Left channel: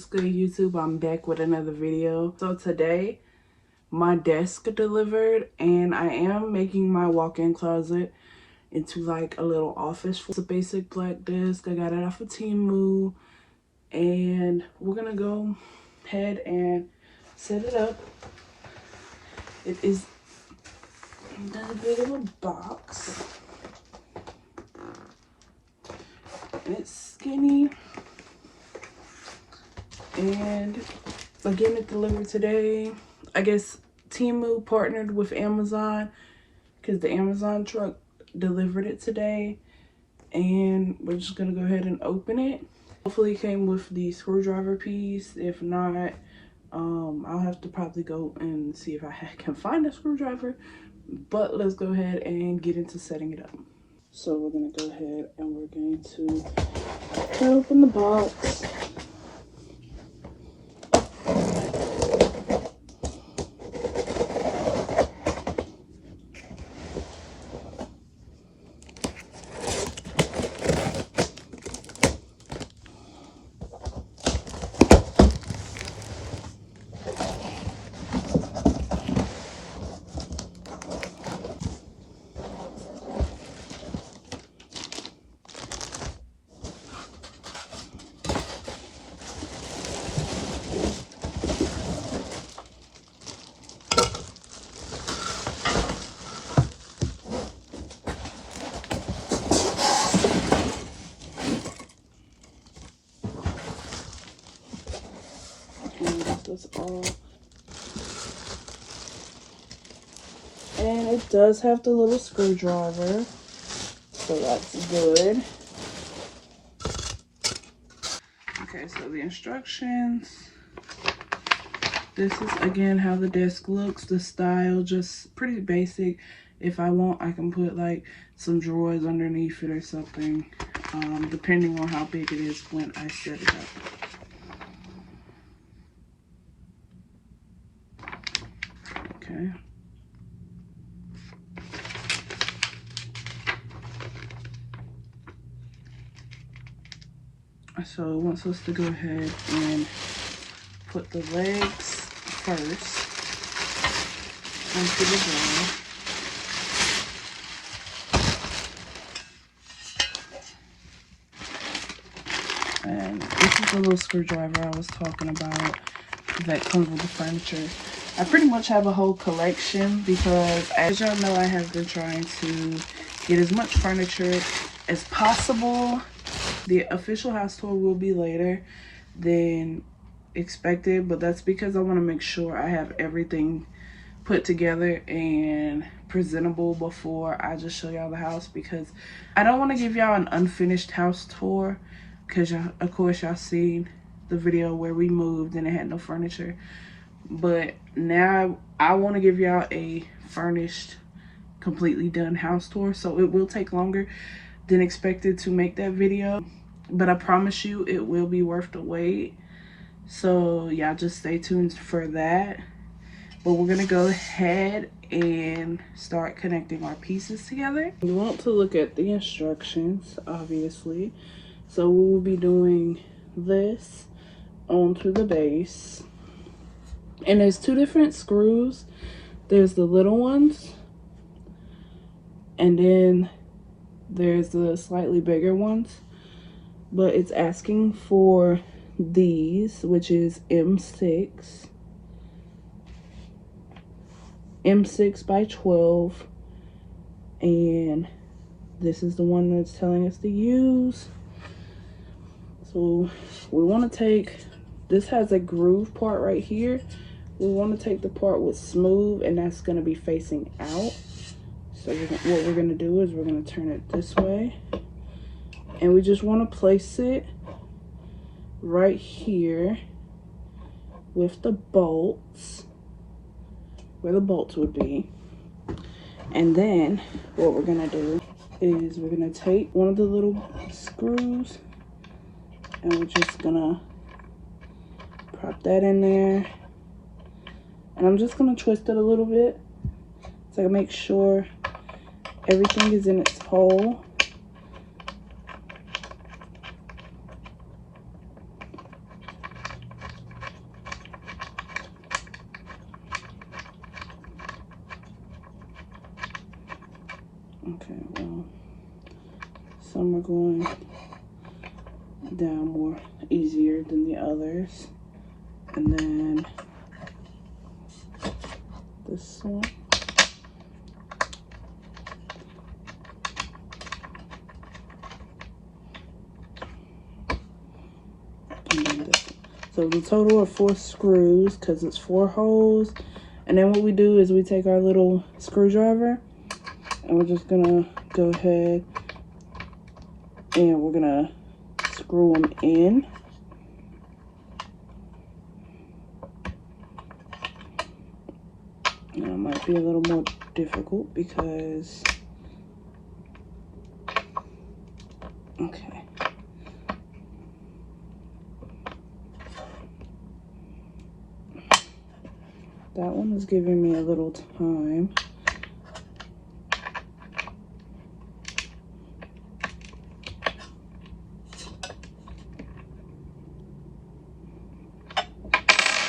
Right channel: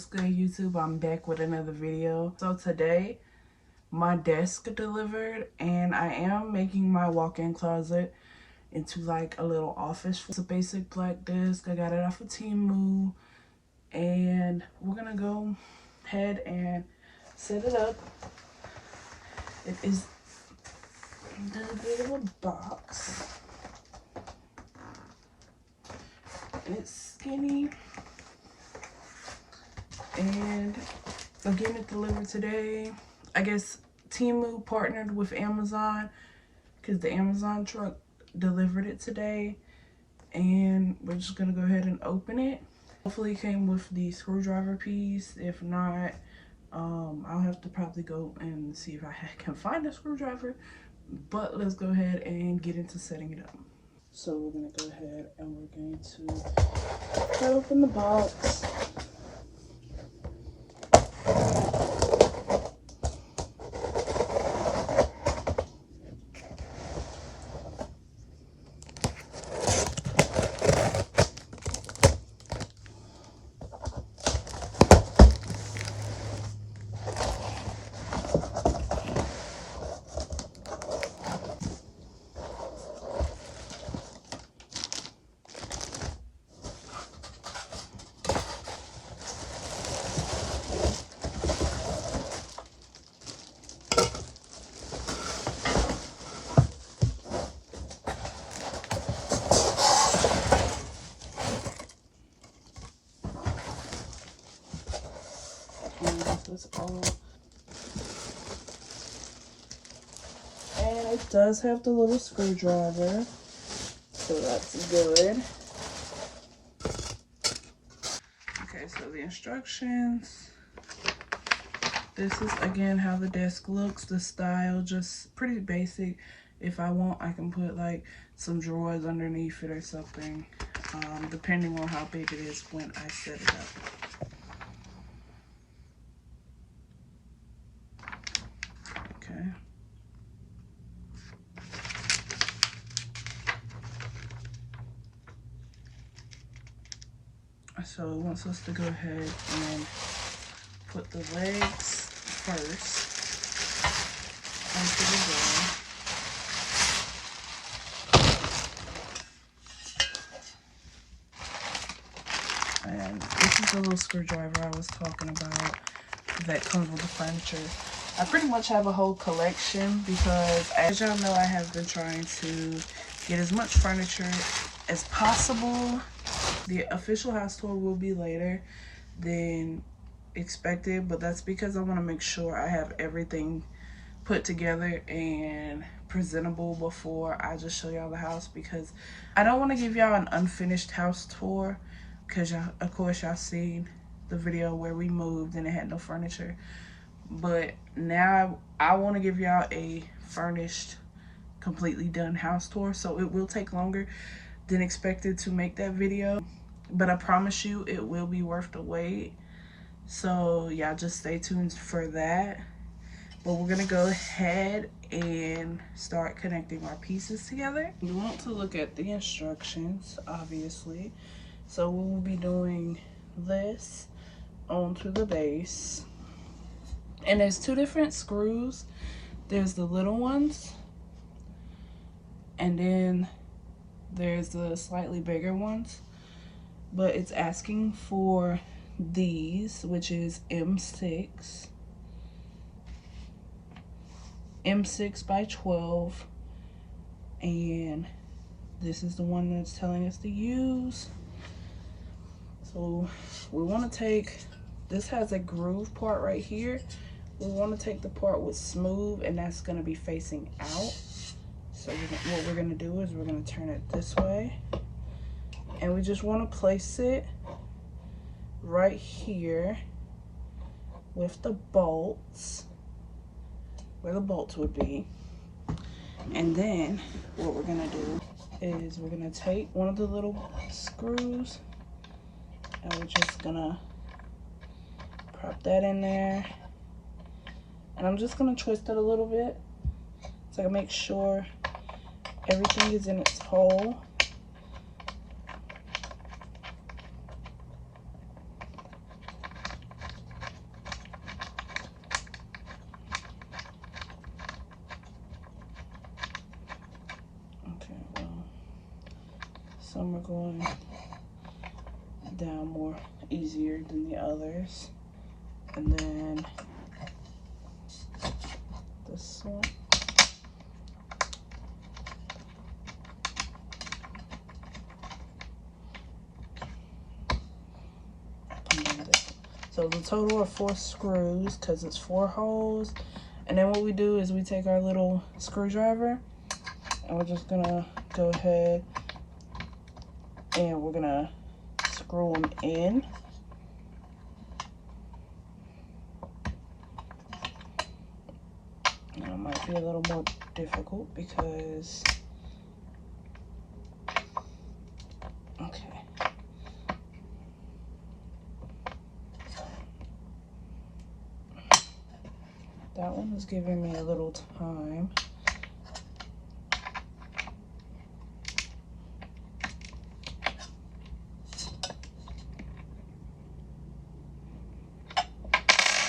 What's good, YouTube? I'm back with another video. So today my desk delivered and I am making my walk-in closet into like a little office. It's a basic black desk. I got it off of Temu and we're gonna go ahead and set it up. It is a little box and it's skinny. And I'm getting it delivered today. I guess Temu partnered with Amazon because the Amazon truck delivered it today. And we're just going to go ahead and open it. Hopefully it came with the screwdriver piece. If not, I'll have to probably go and see if I can find a screwdriver. But let's go ahead and get into setting it up. So we're going to go ahead and we're going to open the box. That's all. And it does have the little screwdriver, so that's good. Okay, so the instructions. This is again how the desk looks. The style, just pretty basic. If I want, I can put like some drawers underneath it or something, depending on how big it is when I set it up. Okay. So it wants us to go ahead and put the legs first onto the drawer. And this is the little screwdriver I was talking about that comes with the furniture. I pretty much have a whole collection because, as y'all know, I have been trying to get as much furniture as possible. The official house tour will be later than expected, but that's because I want to make sure I have everything put together and presentable before I just show y'all the house, because I don't want to give y'all an unfinished house tour, because of course y'all seen the video where we moved and it had no furniture. But now I want to give y'all a furnished, completely done house tour, so it will take longer than expected to make that video, but I promise you it will be worth the wait. So yeah, just stay tuned for that. But we're gonna go ahead and start connecting our pieces together. You want to look at the instructions, obviously. So we will be doing this onto the base, and there's two different screws. There's the little ones, and then there's the slightly bigger ones, but it's asking for these, which is M6 by 12, and this is the one that's telling us to use. So we want to take, this has a groove part right here. We want to take the part with smooth, and that's going to be facing out. So what we're going to do is we're going to turn it this way, and we just want to place it right here with the bolts, where the bolts would be. And then what we're going to do is we're going to take one of the little screws and we're just going to prop that in there. And I'm just going to twist it a little bit so I can make sure everything is in its hole. Okay, well, some are going down more easier than the others. And then this one. And then this one. So the total of 4 screws, because it's 4 holes. And then what we do is we take our little screwdriver and we're just gonna go ahead and we're gonna screw them in. Now it might be a little more difficult because, okay. That one is giving me a little time.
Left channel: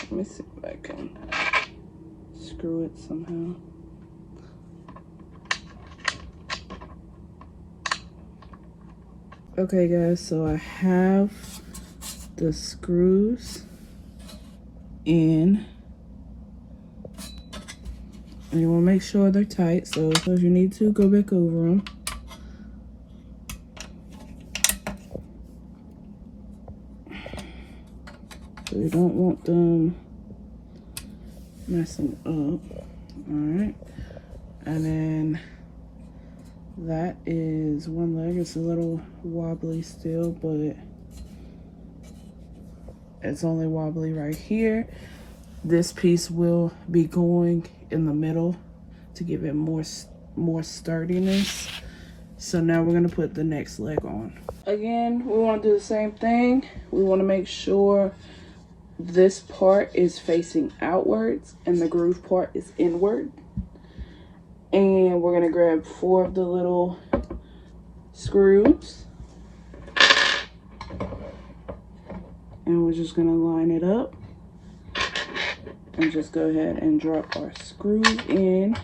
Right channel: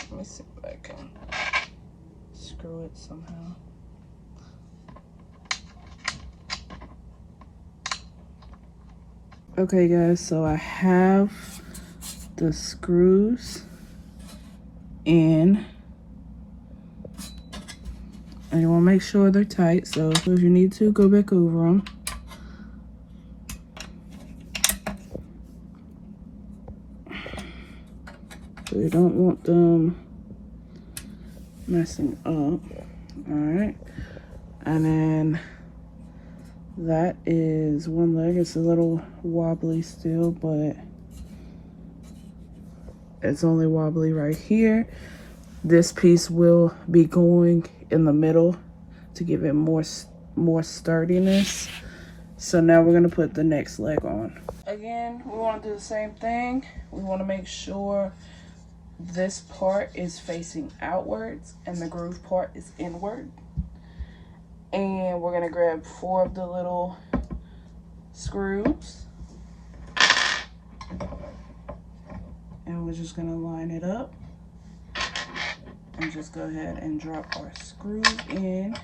Let me see if I can screw it somehow. Okay guys, so I have the screws in. And you want to make sure they're tight, so if you need to, go back over them. So you don't want them messing up. Alright. And then that is one leg. It's a little wobbly still, but it's only wobbly right here. This piece will be going in the middle to give it more sturdiness. So now we're gonna put the next leg on. Again, we want to do the same thing. We want to make sure this part is facing outwards and the groove part is inward. And we're gonna grab 4 of the little screws and we're just gonna line it up and just go ahead and drop our screws in.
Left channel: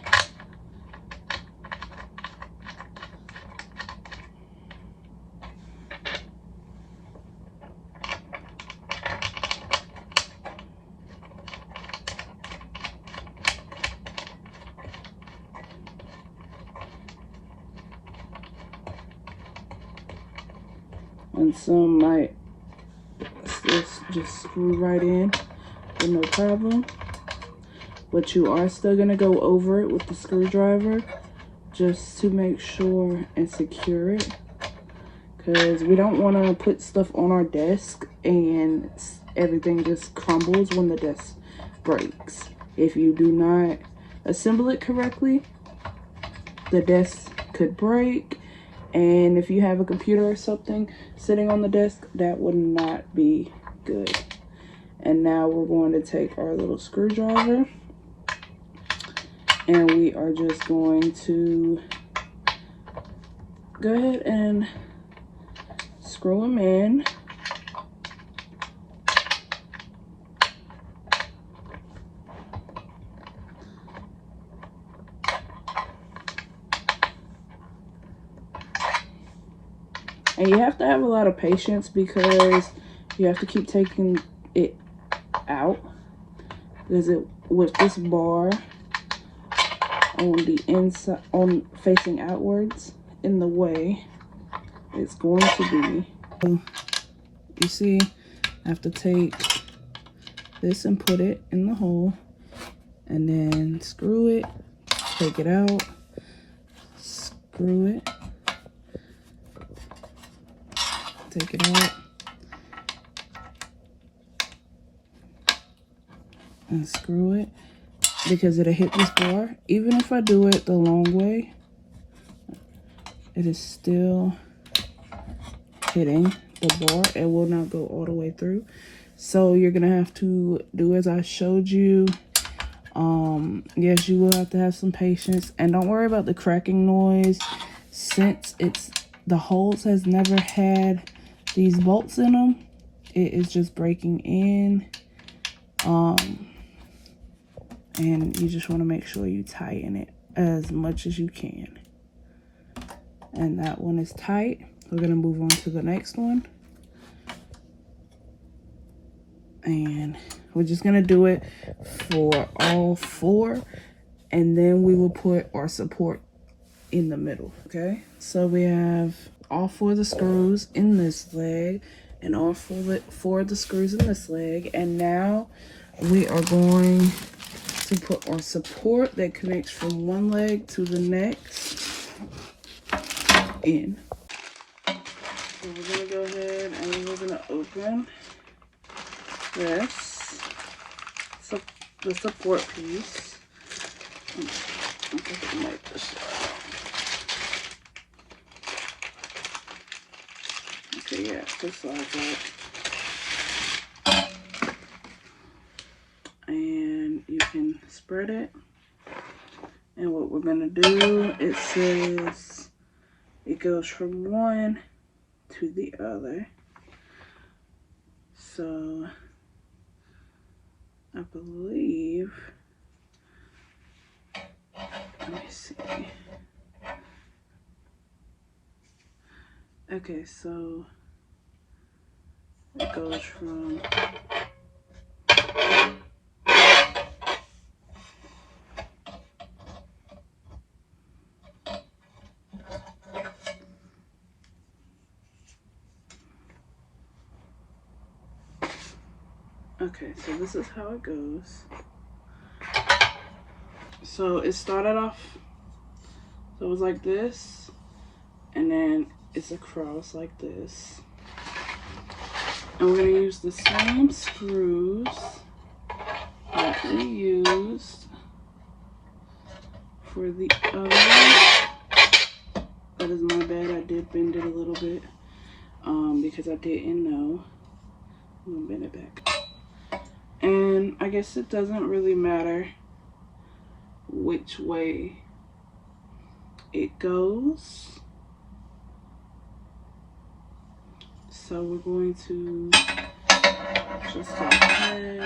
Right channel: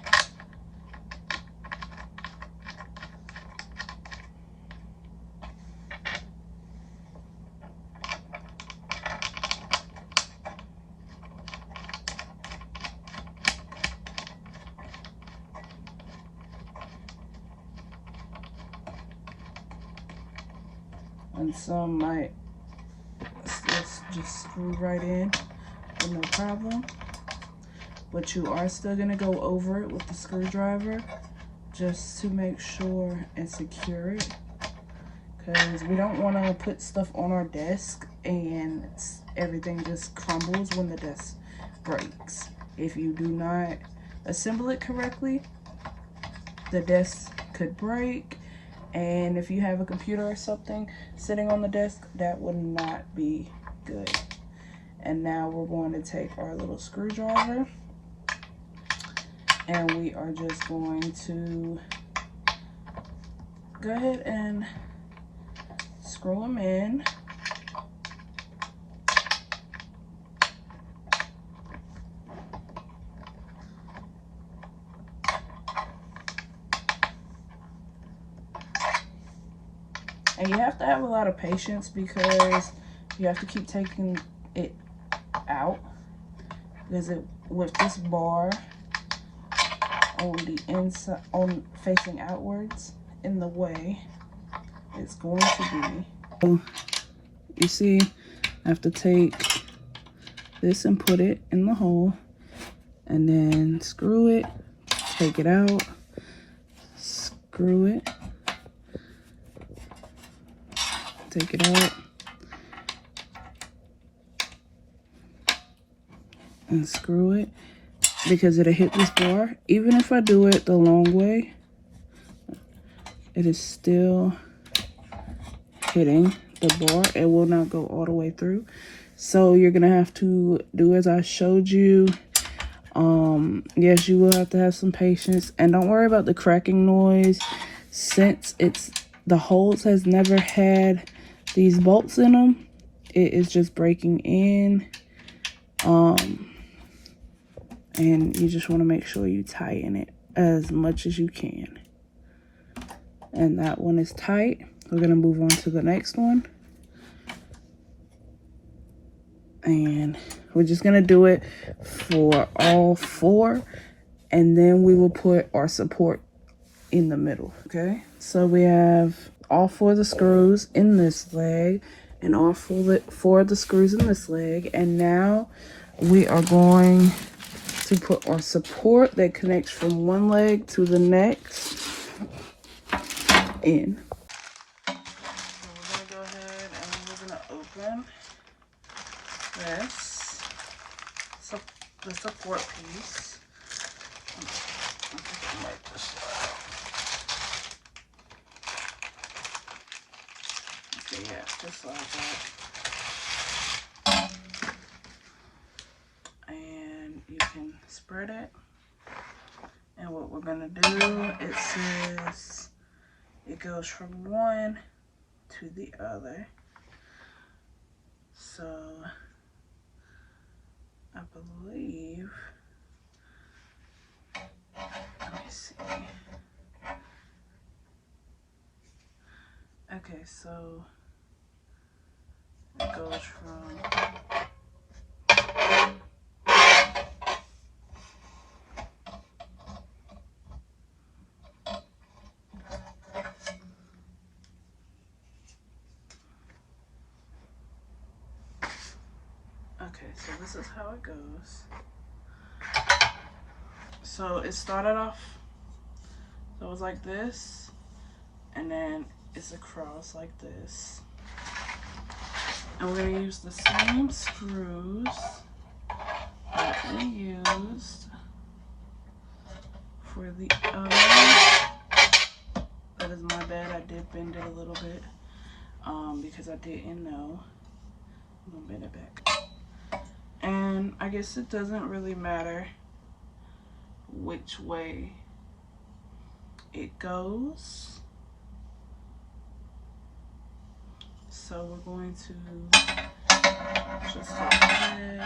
And some might just screw right in with no problem. But you are still gonna go over it with the screwdriver just to make sure and secure it. Because we don't want to put stuff on our desk and everything just crumbles when the desk breaks. If you do not assemble it correctly, the desk could break. And if you have a computer or something sitting on the desk, that would not be good. And now we're going to take our little screwdriver and we are just going to go ahead and screw them in. And you have to have a lot of patience because you have to keep taking it out, because with this bar on the inside, on facing outwards in the way, it's going to be. You see, I have to take this and put it in the hole and then screw it, take it out, screw it, take it out, and screw it, because it'll hit this bar. Even if I do it the long way, it is still hitting the bar. It will not go all the way through. So you're gonna have to do as I showed you. Yes, you will have to have some patience, and don't worry about the cracking noise, since the holes has never had these bolts in them. It is just breaking in. And you just want to make sure you tighten it as much as you can. and that one is tight. We're gonna move on to the next one. And we're just gonna do it for all 4, and then we will put our support in the middle. Okay, so we have all 4 of the screws in this leg and all 4 of the screws in this leg, and now we are going to put our support that connects from one leg to the next in. So we're gonna go ahead and we're gonna open this, so the support piece. Okay, yeah, just like that. And you can spread it. And what we're gonna do, it says it goes from one to the other. So I believe, let me see. Okay, so it goes from okay, so this is how it goes. So it started off, so it was like this, and then it's across like this. And we're gonna use the same screws that we used for the other. That is my bad, I did bend it a little bit because I didn't know. I'm gonna bend it back. And I guess it doesn't really matter which way it goes. So we're going to just go ahead.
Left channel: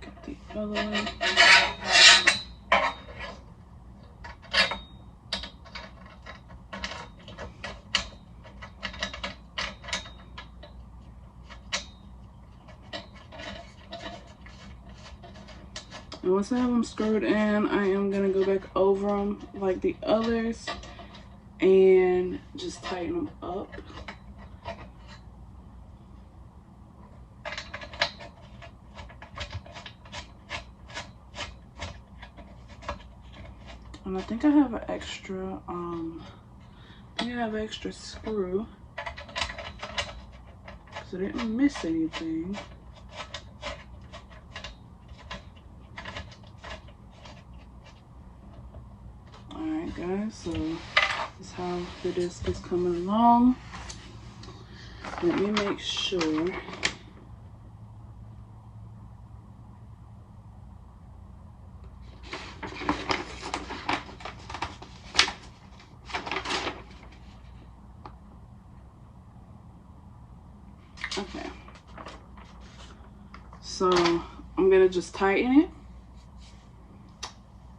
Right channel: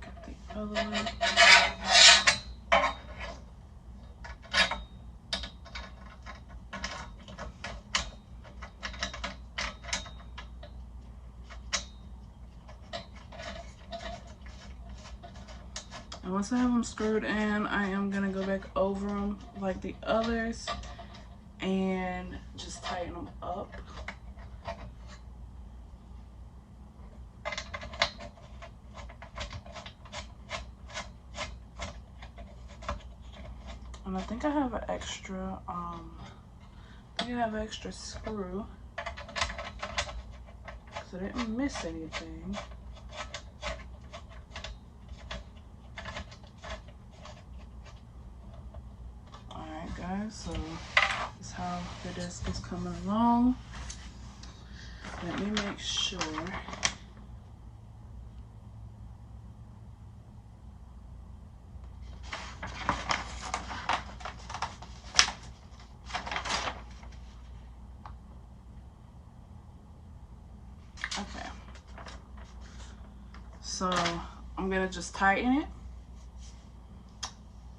Get the other way. And once I have them screwed in, I am gonna go back over them like the others and just tighten them up. And I think I have an extra, extra screw, because I didn't miss anything. Alright guys, so this is how the disc is coming along. Let me make sure. Okay, so I'm gonna just tighten it,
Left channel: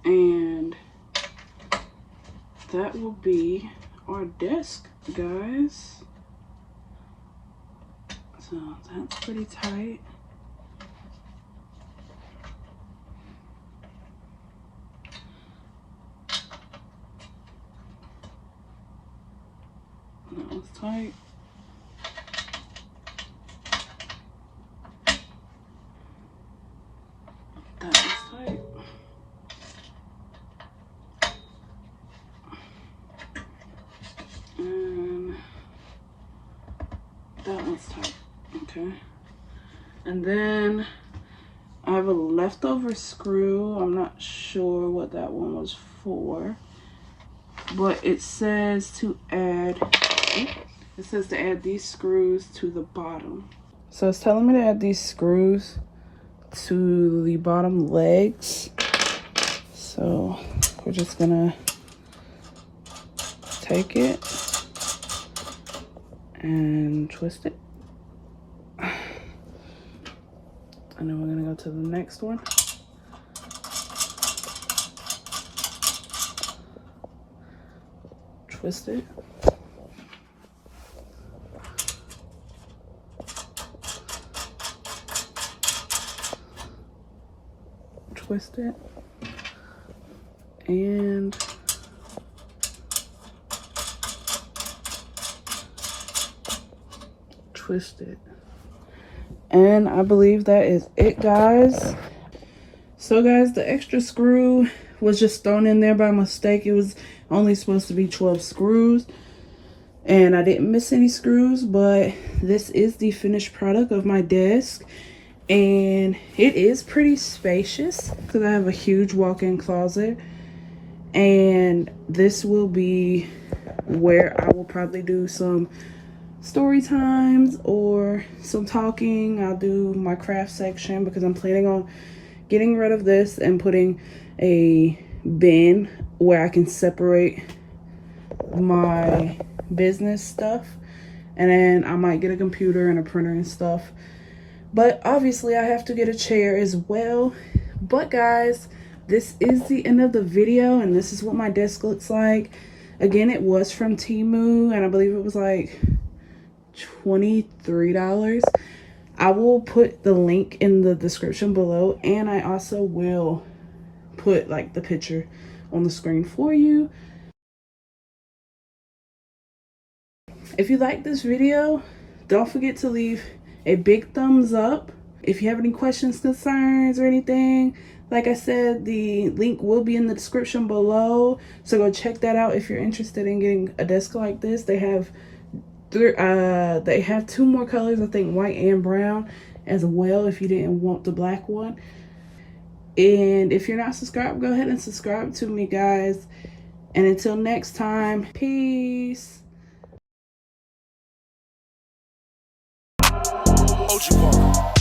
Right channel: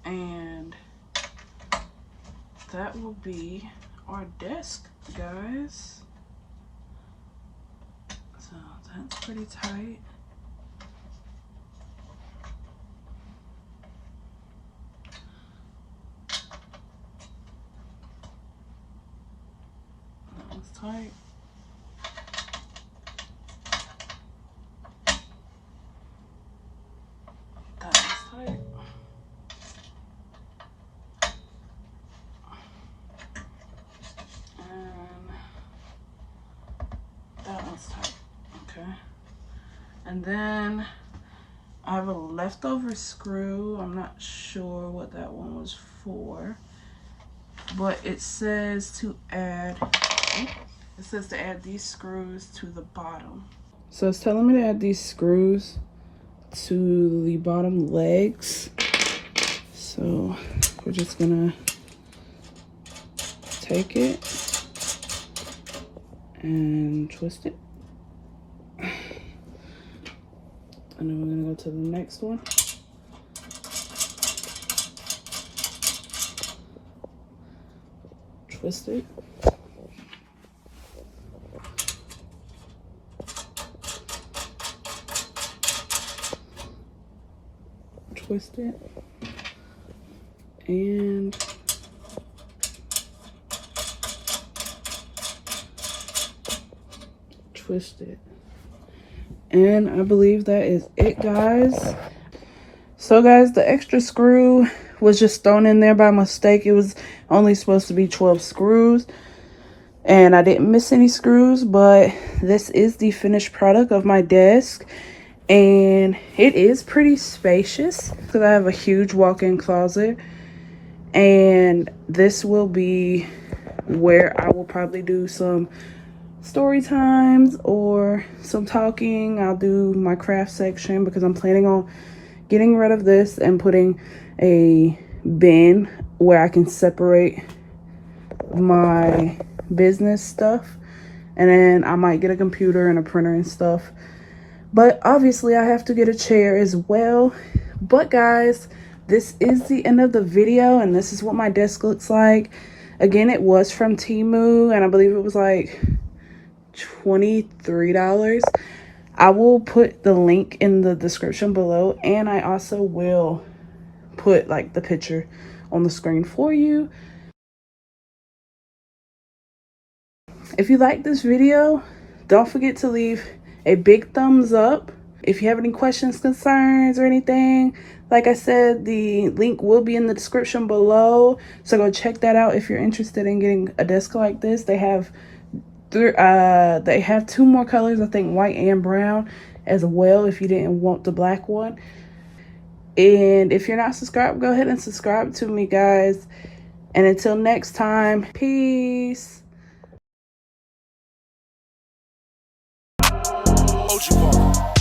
and that will be our desk, guys. So that's pretty tight. That was tight. That was tight. And that one's tight. Okay. And then I have a leftover screw. I'm not sure what that one was for, but it says to add, these screws to the bottom. So it's telling me to add these screws to the bottom legs. So we're just gonna take it and twist it. And then we're gonna go to the next one. Twist it. Twist it. And twist it. And I believe that is it, guys. So guys, the extra screw was just thrown in there by mistake. It was only supposed to be 12 screws. And I didn't miss any screws, but this is the finished product of my desk. And it is pretty spacious because I have a huge walk-in closet. And this will be where I will probably do some story times or some talking. I'll do my craft section because I'm planning on getting rid of this and putting a bin where I can separate my business stuff. And then I might get a computer and a printer and stuff. But obviously I have to get a chair as well. But guys, this is the end of the video, and this is what my desk looks like. Again, it was from Temu, and I believe it was like $23. I will put the link in the description below, and I also will put like the picture on the screen for you. If you like this video, don't forget to leave a big thumbs up. If you have any questions, concerns, or anything, like I said, the link will be in the description below. So go check that out if you're interested in getting a desk like this. They have 2 more colors, I think white and brown as well, if you didn't want the black one. And if you're not subscribed, go ahead and subscribe to me, guys. And until next time, peace. OG Park.